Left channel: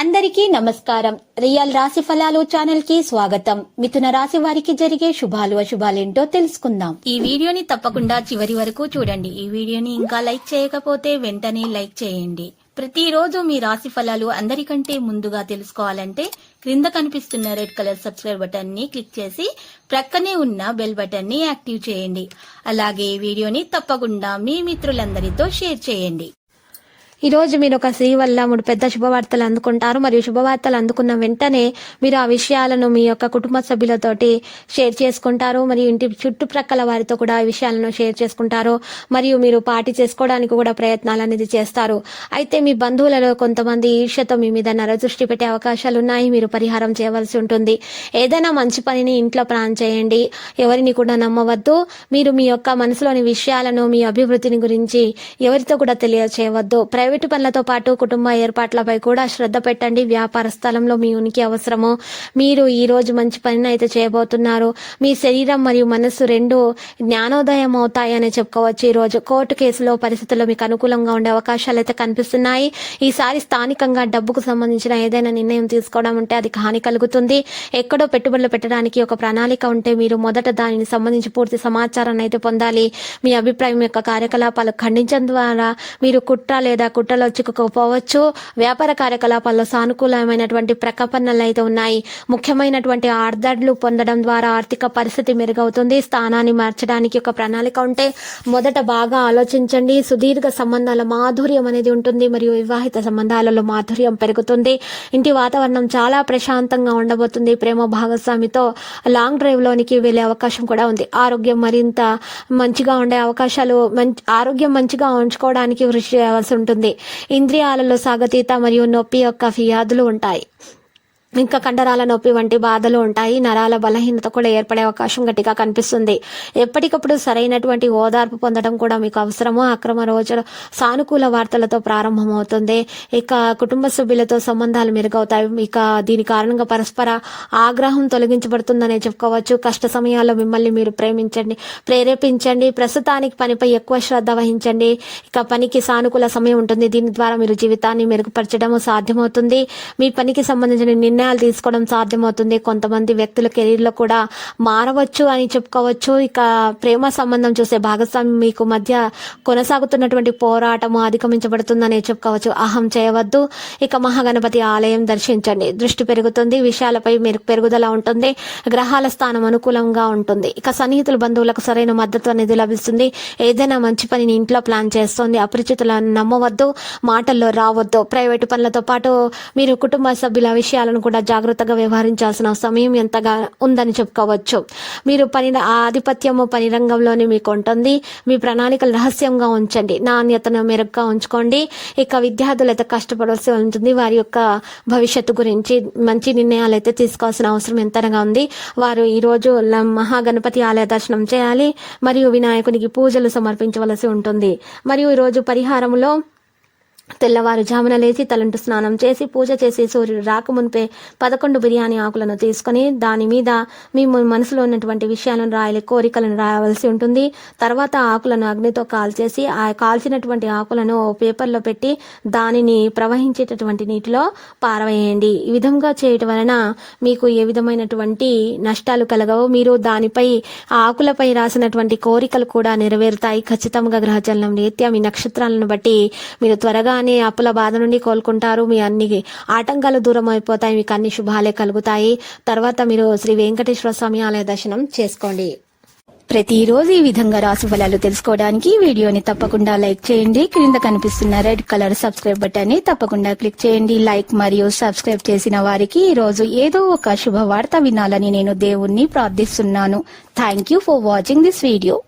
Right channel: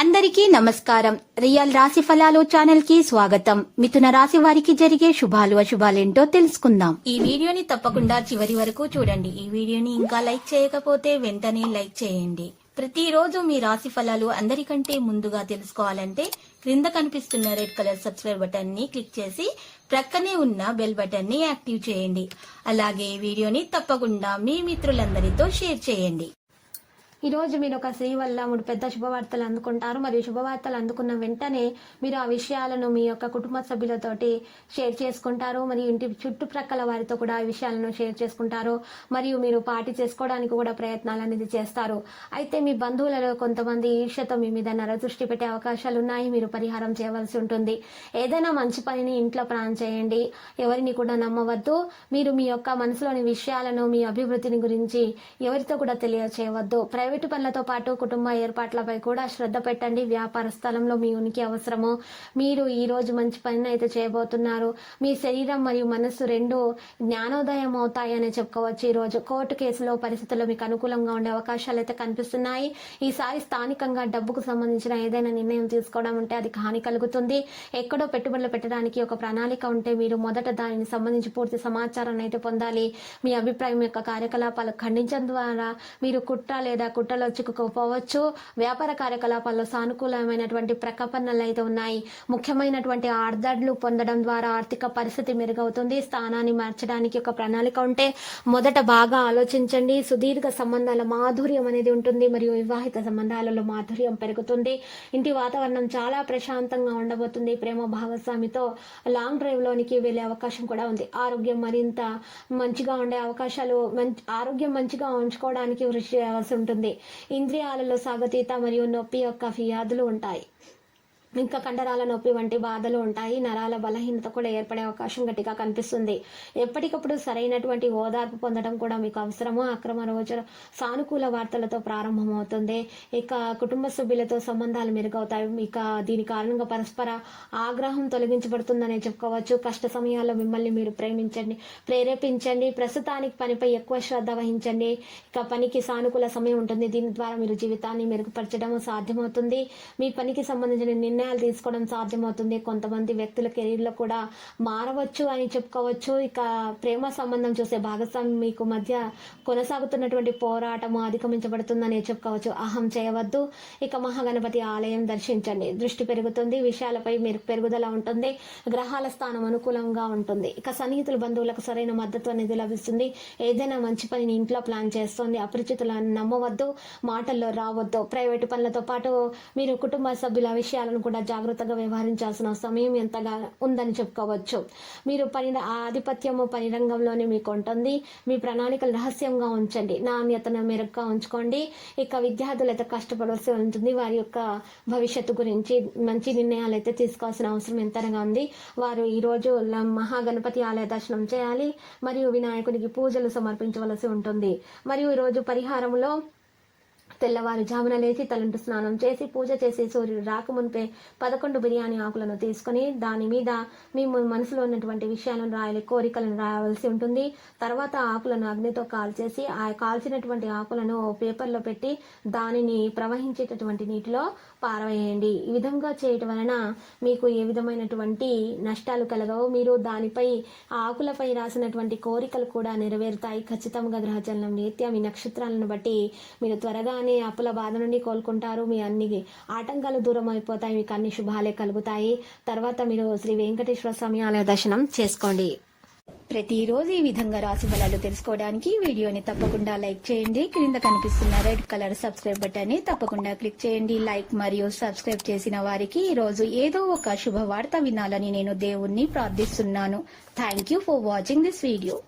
అందరికీ నమస్కారం. రియల్ రాశి ఫలాలు ఛానల్ కి స్వాగతం. మిథున రాశి వారికి జరిగే శుభాలు అశుభాలేంటో తెలుసుకుందాం. ఈ వీడియోని తప్పకుండా చివరి వరకు చూడండి. ఈ వీడియోని ఇంకా లైక్ చేయకపోతే వెంటనే లైక్ చేయండి. ప్రతిరోజు మీ రాశి ఫలాలు అందరికంటే ముందుగా తెలుసుకోవాలంటే క్రింద కనిపిస్తున్న రెడ్ కలర్ సబ్స్క్రైబ్ బటన్ ని క్లిక్ చేసి ప్రక్కనే ఉన్న బెల్ బటన్ ని యాక్టివ్ చేయండి. అలాగే ఈ వీడియోని తప్పకుండా మీ మిత్రులందరితో షేర్ చేయండి. ఈ రోజు మీరు ఒక స్త్రీ వల్ల 3 పెద్ద శుభవార్తలు అందుకుంటారు. మరియు శుభవార్తలు అందుకున్న వెంటనే మీరు ఆ విషయాలను మీ యొక్క కుటుంబ సభ్యులతోటి షేర్ చేసుకుంటారు. మరియు ఇంటి చుట్టుప్రక్కల వారితో కూడా ఈ విషయాలను షేర్ చేసుకుంటారు. మరియు మీరు పార్టీ చేసుకోవడానికి కూడా ప్రయత్నాలు అనేది చేస్తారు. అయితే మీ బంధువులలో కొంతమంది ఈర్ష్యతో మీ మీద నరదృష్టి పెట్టే అవకాశాలు ఉన్నాయి. మీరు పరిహారం చేయవలసి ఉంటుంది. ఏదైనా మంచి పనిని ఇంట్లో ప్లాన్ చేయండి. ఎవరిని కూడా నమ్మవద్దు. మీరు మీ యొక్క మనసులోని విషయాలను, మీ అభివృద్ధిని గురించి ఎవరితో కూడా తెలియచేయవద్దు. ప్రైవేటు పనులతో పాటు కుటుంబ ఏర్పాట్లపై కూడా శ్రద్ధ పెట్టండి. వ్యాపార స్థలంలో మీ ఉనికి అవసరము. మీరు ఈ రోజు మంచి పనిని అయితే చేయబోతున్నారు. మీ శరీరం మరియు మనస్సు రెండు జ్ఞానోదయం అవుతాయని చెప్పుకోవచ్చు. ఈ రోజు కోర్టు కేసులో పరిస్థితుల్లో మీకు అనుకూలంగా ఉండే అవకాశాలు అయితే కనిపిస్తున్నాయి. ఈసారి స్థానికంగా డబ్బుకు సంబంధించిన ఏదైనా నిర్ణయం తీసుకోవడం ఉంటే అది హాని కలుగుతుంది. ఎక్కడో పెట్టుబడులు పెట్టడానికి ఒక ప్రణాళిక ఉంటే మీరు మొదట దానిని సంబంధించి పూర్తి సమాచారాన్ని అయితే పొందాలి. మీ అభిప్రాయం యొక్క కార్యకలాపాలు ఖండించడం ద్వారా మీరు కుట్ర లేదా కుట్రలో చిక్కుకోపోవచ్చు. వ్యాపార కార్యకలాపాల్లో సానుకూలమైనటువంటి ప్రకటనలు అయితే ఉన్నాయి. ముఖ్యమైనటువంటి ఆర్డర్లు పొందడం ద్వారా ఆర్థిక పరిస్థితి మెరుగవుతుంది. స్థానాన్ని మార్చడానికి ఒక ప్రణాళిక ఉంటే మొదట బాగా ఆలోచించండి. సుదీర్ఘ సంబంధాల మాధుర్యం అనేది ఉంటుంది. మరియు వివాహిత సంబంధాలలో మాధుర్యం పెరుగుతుంది. ఇంటి వాతావరణం చాలా ప్రశాంతంగా ఉండబోతుంది. ప్రేమ భాగస్వామితో లాంగ్ డ్రైవ్ లోనికి వెళ్లే అవకాశం కూడా ఉంది. ఆరోగ్యం మరింత మంచిగా ఉండే అవకాశాలు, ఆరోగ్యం మంచిగా ఉంచుకోవడానికి కృషి చేయాల్సి ఉంటుంది. ఇంద్రియాలలో సాగతీత మరియు నొప్పి యొక్క ఫిర్యాదులు ఉంటాయి. ఇంకా కండరాల నొప్పి వంటి బాధలు ఉంటాయి. నరాల బలహీనత కూడా ఏర్పడే అవకాశం గట్టిగా కనిపిస్తుంది. ఎప్పటికప్పుడు సరైనటువంటి ఓదార్పు పొందడం కూడా మీకు అవసరము. అక్రమ రోజులు సానుకూల వార్తలతో ప్రారంభమవుతుంది. ఇక కుటుంబ సభ్యులతో సంబంధాలు మెరుగవుతాయి. ఇక దీని కారణంగా పరస్పర ఆగ్రహం తొలగించబడుతుందనే చెప్పుకోవచ్చు. కష్ట సమయాల్లో మిమ్మల్ని మీరు ప్రేరేపించండి. ప్రస్తుతానికి పనిపై ఎక్కువ శ్రద్ధ వహించండి. ఇక పనికి సానుకూల సమయం ఉంటుంది. దీని ద్వారా మీరు జీవితాన్ని మెరుగుపరచడం సాధ్యమవుతుంది. మీ పనికి సంబంధించిన నిర్ణయాలు తీసుకోవడం సాధ్యమవుతుంది. కొంతమంది వ్యక్తుల కెరీర్లో కూడా మారవచ్చు అని చెప్పుకోవచ్చు. ఇక ప్రేమ సంబంధం చూసే భాగస్వామి మీకు మధ్య కొనసాగుతున్నటువంటి పోరాటము అధిగమించబడుతుందని చెప్పుకోవచ్చు. అహం చేయవద్దు. ఇక మహాగణపతి ఆలయం దర్శించండి. దృష్టి పెరుగుతుంది. విషయాలపై మీరు పెరుగుదల ఉంటుంది. గ్రహాల స్థానం అనుకూలంగా ఉంటుంది. ఇక సన్నిహితుల బంధువులకు సరైన మద్దతు అనేది లభిస్తుంది. ఏదైనా మంచి పనిని ఇంట్లో ప్లాన్ చేస్తుంది. అపరిచితులను నమ్మవద్దు. మాటల్లో రావద్దు. ప్రైవేటు పనులతో పాటు మీరు కుటుంబ సభ్యుల విషయాలను కూడా జాగ్రత్తగా వ్యవహరించాల్సిన సమయం ఎంతగా ఉందని చెప్పుకోవచ్చు. మీరు ఆధిపత్యము పని రంగంలోనే మీకు ఉంటుంది. మీ ప్రణాళికలు రహస్యంగా ఉంచండి. నాణ్యతను మెరుగ్గా ఉంచుకోండి. ఇక విద్యార్థులు అయితే కష్టపడాల్సి ఉంటుంది. వారి యొక్క భవిష్యత్తు గురించి మంచి నిర్ణయాలు అయితే తీసుకోవాల్సిన అవసరం ఎంతగా ఉంది. వారు ఈ రోజు మహాగణపతి ఆలయ దర్శనం చేయాలి. మరియు వినాయకునికి పూజలు సమర్పించవలసి ఉంటుంది. మరియు ఈరోజు పరిహారంలో తెల్లవారుజామున లేచి తలంటు స్నానం చేసి పూజ చేసి సూర్యుడు రాకమునిపే 11 బిర్యానీ ఆకులను తీసుకొని దాని మీద మీ మనసులో ఉన్నటువంటి విషయాలను రాయాలి. కోరికలను రాయవలసి ఉంటుంది. తర్వాత ఆకులను అగ్నితో కాల్చేసి ఆ కాల్చినటువంటి ఆకులను పేపర్లో పెట్టి దానిని ప్రవహించేటటువంటి నీటిలో పారవేయండి. ఈ విధంగా చేయటం వలన మీకు ఏ విధమైనటువంటి నష్టాలు కలగవు. మీరు దానిపై ఆకులపై రాసినటువంటి కోరికలు కూడా నెరవేరుతాయి. ఖచ్చితంగా గ్రహచలనం రీత్యా మీ నక్షత్రాలను బట్టి మీరు త్వరగా అప్పుల బాధ నుండి కోలుకుంటారు. మీ అన్ని ఆటంకాలు దూరం అయిపోతాయి. మీకు అన్ని శుభాలే కలుగుతాయి. తర్వాత మీరు శ్రీ వెంకటేశ్వర స్వామి ఆలయ దర్శనం చేసుకోండి. ప్రతిరోజు ఈ విధంగా రాశి ఫలాలు తెలుసుకోవడానికి వీడియోని తప్పకుండా లైక్ చేయండి. క్రింద కనిపిస్తున్న రెడ్ కలర్ సబ్స్క్రైబ్ బటన్ ని తప్పకుండా క్లిక్ చేయండి. లైక్ మరియు సబ్స్క్రైబ్ చేసిన వారికి ఈ రోజు ఏదో ఒక శుభవార్త వినాలని నేను దేవుణ్ణి ప్రార్థిస్తున్నాను. Thank you for watching this video.